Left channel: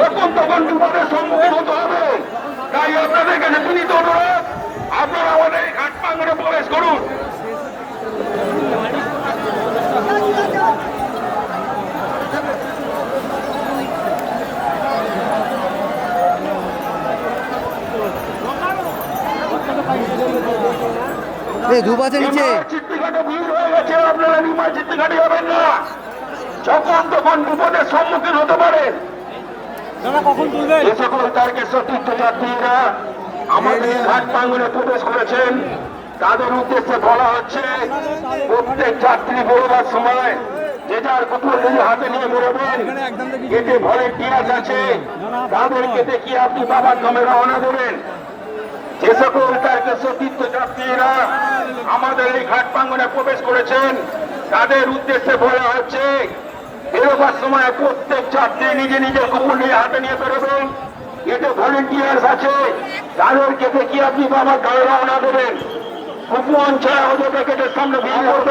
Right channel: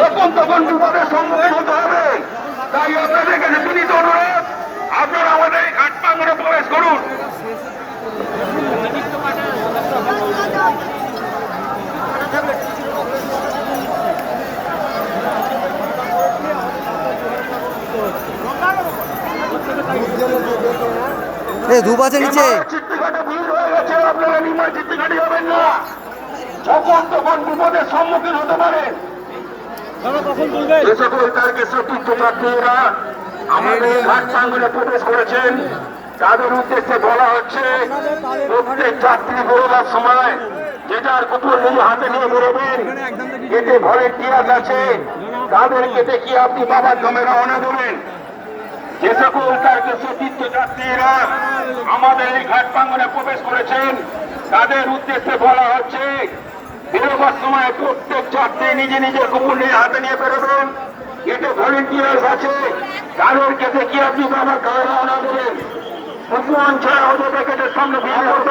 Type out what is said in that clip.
যখন তখন বিপদের সম্মুখীন হতে হবে। তাই আপনাদের কাছে বিনীত অনুরোধ, আপনারা আমাদের এই ঘাট প্রাঙ্গণে প্রবেশ করুন। ধূপ আছে নিচে। চিত্রঘাটে ভিড় হয়ে গেছে, আপনারা বিমান চিত্রঘাটে যাবেন না। যখন তখন বিপদের সম্মুখীন হতে পারেন। যে সকল তারকেশ্বর তীর্থযাত্রীরা আমাদের এই ঘাট প্রাঙ্গণে প্রবেশ করেছেন তাদের উদ্দেশ্যে বলা হচ্ছে, প্রত্যেক যাত্রী বেরোবার সময় যেটার কুকুর নিয়ে হাতে নিয়ে বেরোবেন। কেটে ভলেন্টিয়ার্স আছে, তাদেরকে দেখিয়ে আপনি বাবার নামে রওনা দেবেন। যে সকল তারকেশ্বর তীর্থযাত্রীরা আমাদের এই ঘাট প্রাঙ্গণে প্রবেশ করেছেন তাদের উদ্দেশ্যে বলা হচ্ছে, বেরোবার সময় প্রত্যেক যাত্রী নিজে নিজের কুকুর নিয়ে হাতে নিয়ে বেরোবেন। এতে ভলেন্টিয়ার্স আছে, তাদেরকে দেখিয়ে আপনি বাবার গায়ে রওনা দেবেন। কুপন ছাড়া ওদের গেটের সামনে ভিড় করবেন।